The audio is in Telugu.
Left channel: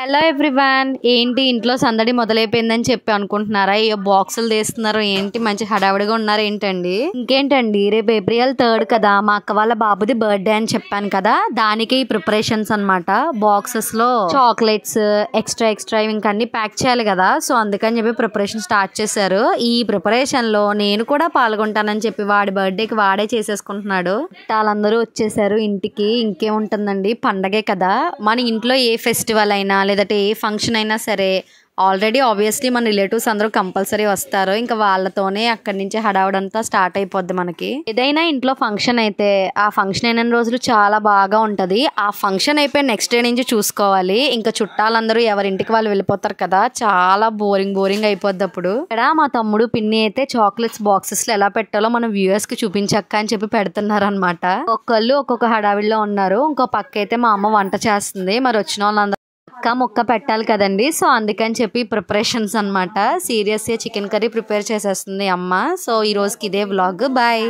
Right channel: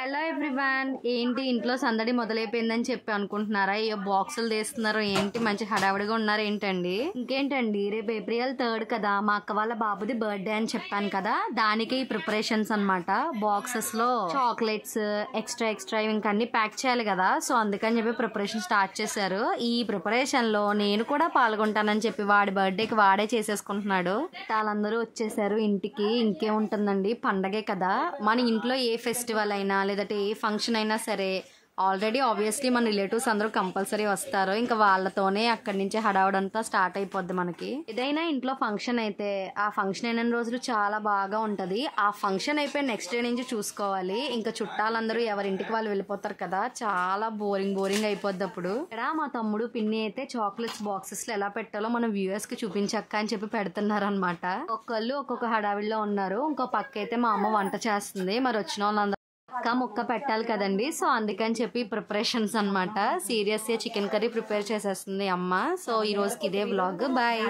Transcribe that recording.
హలో ఎవ్రీవన్, ఏంటి ఇంట్లో సందడి మొదలైపోయిందని చెప్పి అనుకుంటున్నారా? అయ్యో బాక్సులు తీస్తున్నారు ఏంటి, మంచి హడావిడిగా ఉన్నారు ఏంటండి? ఇంకేంటండి, రేపు April 3 కదా, మా అక్క వాళ్ళ బాబుది బర్త్డే అని చెప్పాను కదా, దానికి ఈ ప్రిపరేషన్స్ అనమాట. బాక్సెస్ లో చాక్లెట్స్ ఎక్స్ట్రా ఇంకా అన్ని ప్యాక్ చేయాలి కదా, సో అందుకని చెప్పి ప్రిపరేషన్ స్టార్ట్ చేశారు. ఈ ప్రిపరేషన్ లో నేను కూడా పాల్గొంటానని చెప్పి వాడి బర్త్డేకి వాడే చేసేసుకుంటున్నాడు. వాళ్ళందరూ వచ్చేసారు ఇంటికి. ఇంకేముంటుందండి, పండగే కదా. మన ఇంట్లో ఏ ఫెస్టివల్ అయినా లేదంటే ఏ ఫంక్షన్ అయినా సరే ఆల్రెడీ ఆబ్వియస్లీ మన రిలేటివ్స్ అందరూ కంపల్సరీ వస్తారు. ఇంకా వాళ్ళతోనే అక్కడి నుంచి హడావుడంతా స్టార్ట్ అయిపోద్ది. మనకి ఏదైనా ఇంట్లో ఫంక్షన్ అయితే ఆ ఫంక్షన్ అయిన రోజులు చాలా బాగా ఉంటుంది. ఆ ఫంక్షన్ అయిపోయి నెక్స్ట్ డే నుంచి చూసుకోవాలి. ఇంకా చుట్టాలందరూ ఎవరింటికి వాళ్ళు వెళ్ళిపోతారు కదా, చాలా బోరింగ్ అయిపోద్ది. అప్పుడు ఇక్కడ మా తమ్ముడు పిన్ని అయితే చాక్లెట్స్ బాక్సెస్ లో ఎలా పెట్టాలో మన వ్యూవర్స్ కి చూపించక్క అని చెప్పి పెడుతున్నారు అనమాట. ఒక్కళ్ళు ఒక్కొక్క హడావిడిలో ఉన్నారు. ఇంకో పక్క అయితే మా అమ్మ వంట చేస్తుంది. మరి వచ్చిన వాళ్ళందరూ మొక్క పెట్టాలి కదండి, సో అందుకని చెప్పి ప్రిపరేషన్స్ అనమాట. సీరియస్ గా చికెన్ కర్రీ ప్రిపేర్ చేసేస్తుంది అమ్మ. సో ఈ రోజుకి ఇదే వ్లాగ్. బాయ్.